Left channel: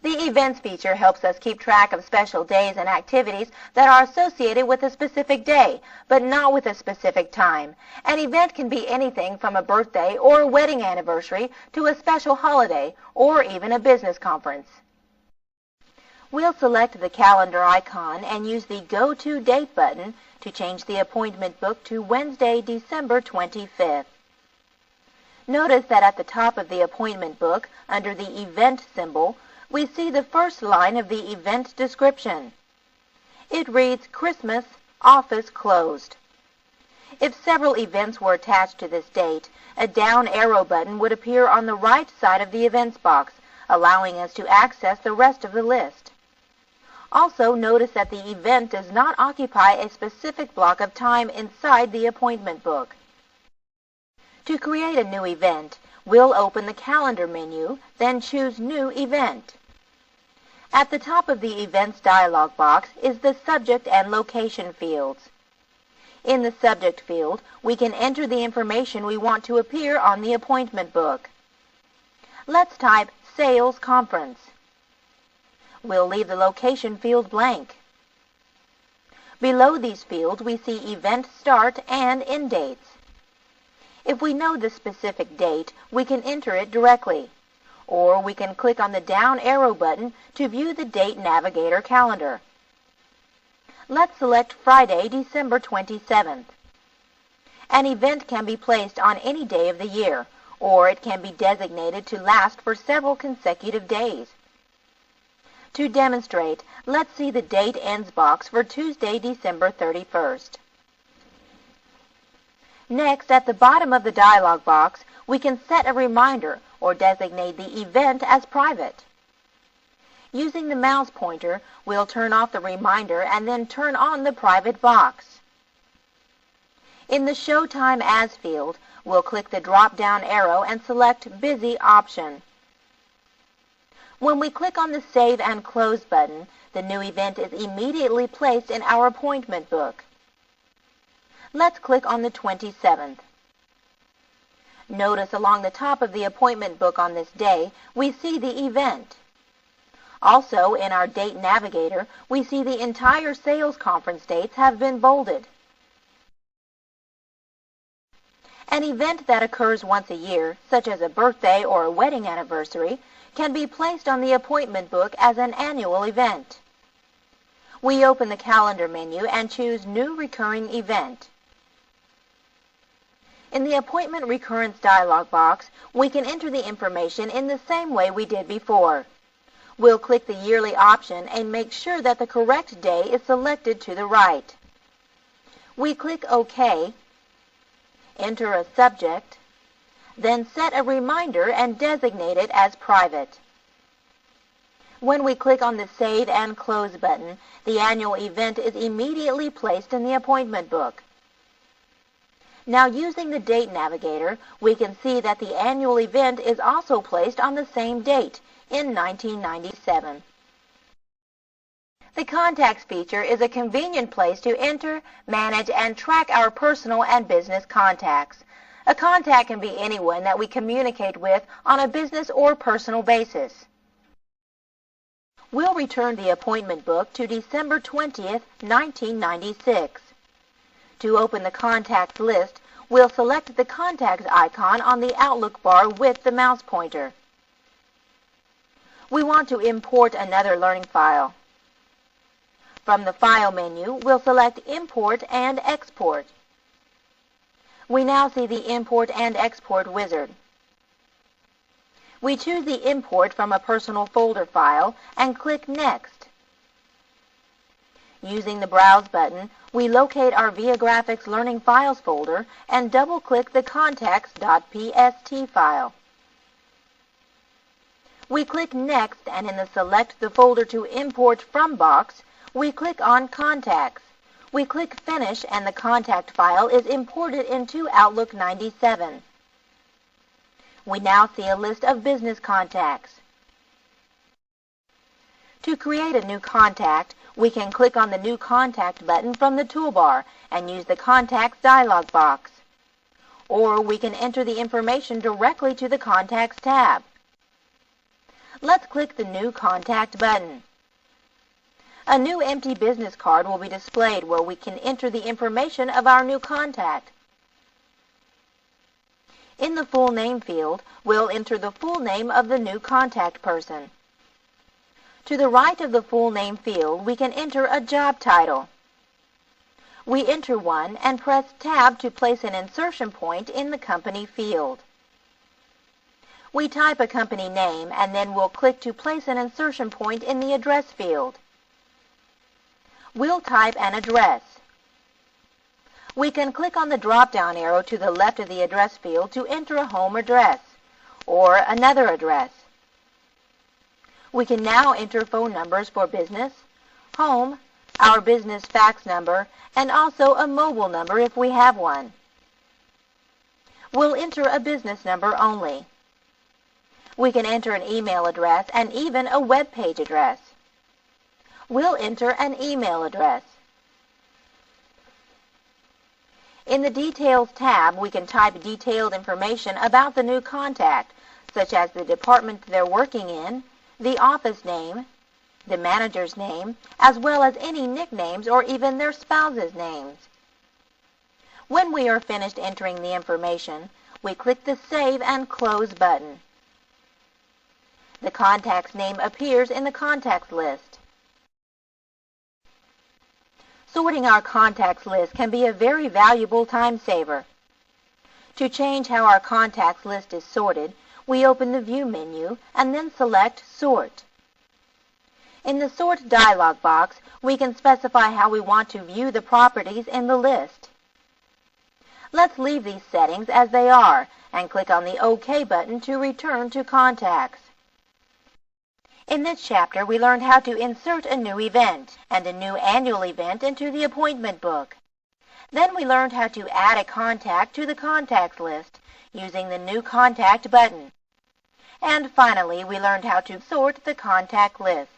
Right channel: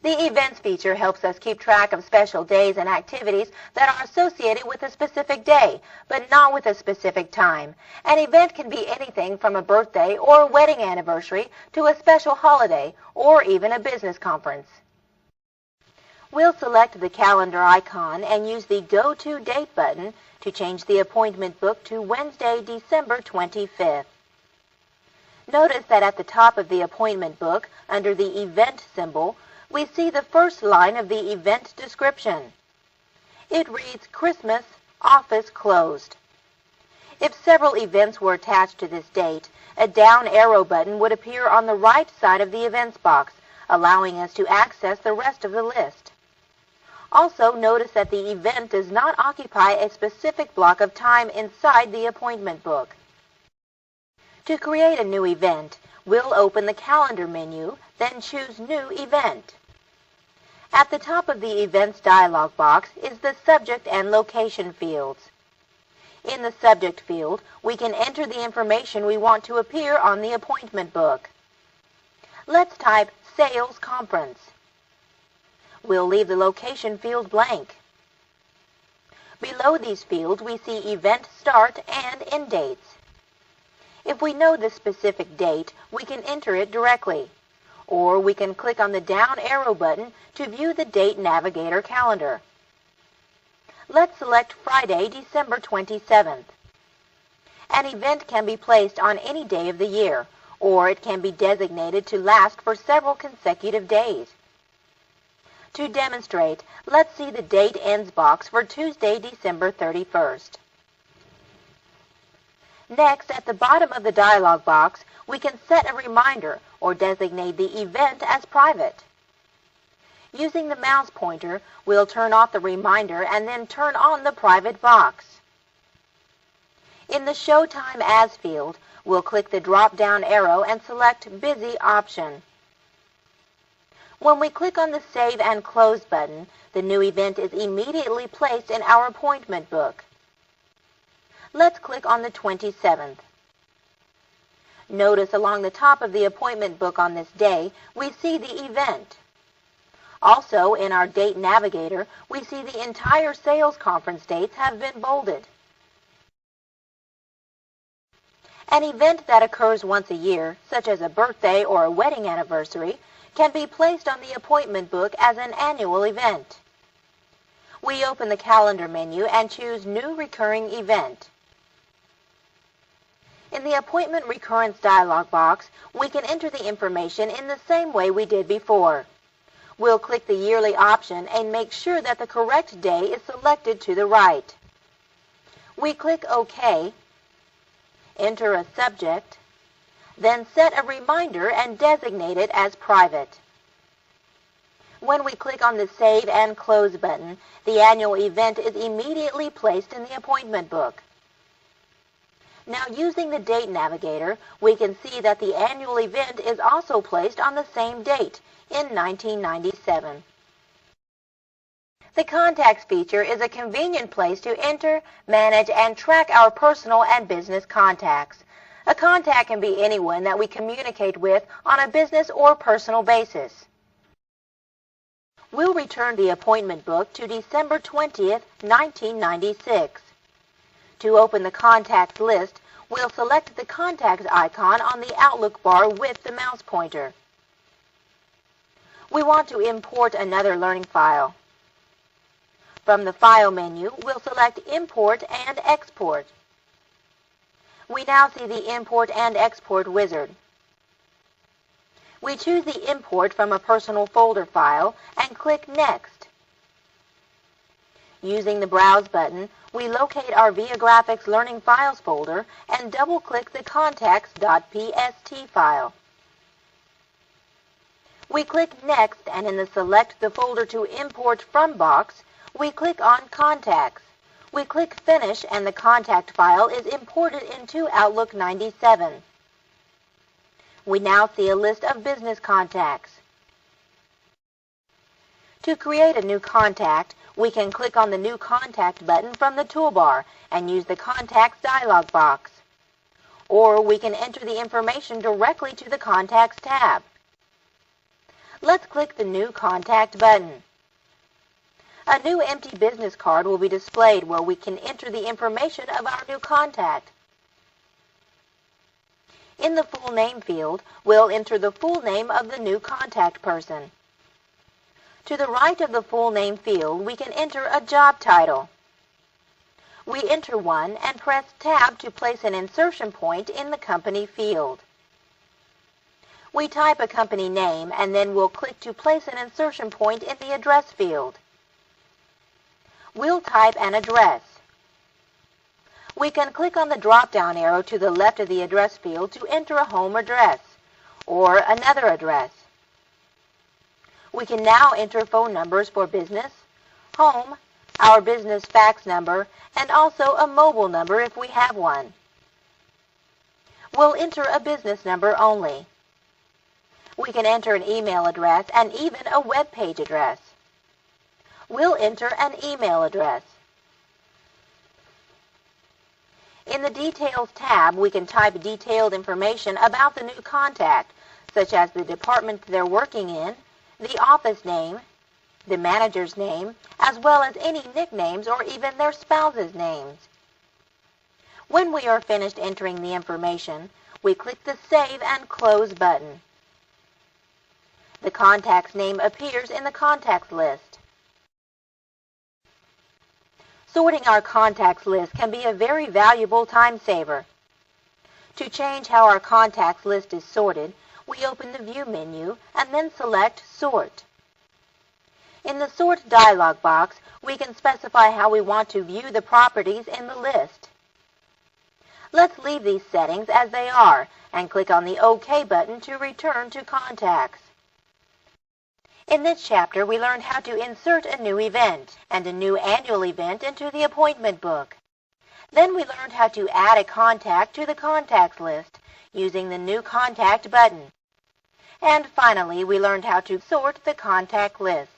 The Events feature helps us keep track of special days and activities that are associated with a specific day, but not with a specific time. An event can be anything from a birthday or a wedding anniversary to a special holiday or even a business conference. We'll select the calendar icon and use the Go To Date button to change the appointment book to Wednesday, December 25th. Notice that at the top of the appointment book, under the event symbol, we see the first line of the event description. It reads, Christmas, office closed. If several events were attached to this date, a down arrow button would appear on the right side of the events box, allowing us to access the rest of the list. Also, notice that the event does not occupy a specific block of time inside the appointment book. To create a new event, we'll open the Calendar menu, then choose New Event. At the top of the Events dialog box is the Subject and Location fields. In the Subject field, we can enter the information we want to appear on the appointment book. Let's type Sales Conference. We'll leave the Location field blank. Below these fields, we see Event Start and End dates. If we know the specific date, we can enter it directly, or we can click on the down arrow button to view the Date Navigator calendar. Let's select Friday, December 27th. An event can be placed on any day of the year, or it can be designated to last for several consecutive days. To demonstrate, let's see the Date Ends box for Tuesday, December 31st. Next, at the bottom of the dialog box, we can set a reminder or designate the event as private. Using the mouse pointer, we'll turn off the reminder and then turn on the private box. In the Show Time As field, we'll click the drop-down arrow and select Busy option. When we click on the Save and Close button, the new event is immediately placed in our appointment book. Let's click on the 27th. Notice along the top of the appointment book on this day, we see the event. Also, in our Date Navigator, we see the entire sales conference dates have been bolded. An event that occurs once a year, such as a birthday or a wedding anniversary, can be placed on the appointment book as an annual event. We open the Calendar menu and choose New Recurring Event. In the Appointment Recurrence dialog box, we can enter the information in the same way we did before. We'll click the Yearly option and make sure that the correct day is selected to the right. We click OK, enter a subject, then set a reminder and designate it as private. When we click on the Save and Close button, the annual event is immediately placed in the appointment book. Now, using the Date Navigator, we can see that the annual event is also placed on the same date, in 1997. The Contacts feature is a convenient place to enter, manage, and track our personal and business contacts. A contact can be anyone that we communicate with on a business or personal basis. We'll return the appointment book to December 20th, 1996. To open the contacts list, we'll select the Contacts icon on the Outlook bar with the mouse pointer. We want to import another learning file. From the File menu, we'll select Import and Export. We now see the Import and Export wizard. We choose the import from a personal folder file and click Next. Using the Browse button, we locate our Viagrafix Learning Files folder and double-click the contacts.pst file. We click Next, and in the Select the Folder to Import From box, we click on Contacts. We click Finish, and the contact file is imported into Outlook 97. We now see a list of business contacts. To create a new contact, we can click on the New Contact button from the toolbar and use the Contacts dialog box. Or we can enter the information directly to the Contacts tab. Let's click the New Contact button. A new empty business card will be displayed where we can enter the information of our new contact. In the full name field, we'll enter the full name of the new contact person. To the right of the full name field, we can enter a job title. We enter one and press Tab to place an insertion point in the company field. We type a company name and then we'll click to place an insertion point in the address field. We'll type an address. We can click on the drop-down arrow to the left of the address field to enter a home address or another address. We can now enter phone numbers for business, home, our business fax number, and also a mobile number if we have one. We'll enter a business number only. We can enter an email address and even a web page address. We'll enter an email address. In the Details tab, we can type detailed information about the new contact, such as the department they're working in, the office name, the manager's name, as well as any nicknames or even their spouse's names. When we are finished entering the information, we click the Save and Close button. The contact's name appears in the contacts list. Sorting our contacts list can be a very valuable time saver. To change how our contacts list is sorted, we open the View menu and then select Sort. In the Sort dialog box, we can specify how we want to view the properties in the list. Let's leave these settings as they are and click on the OK button to return to Contacts. In this chapter, we learned how to insert a new event and a new annual event into the appointment book. Then we learned how to add a contact to the contacts list using the New Contact button. And finally, we learned how to sort the contact list.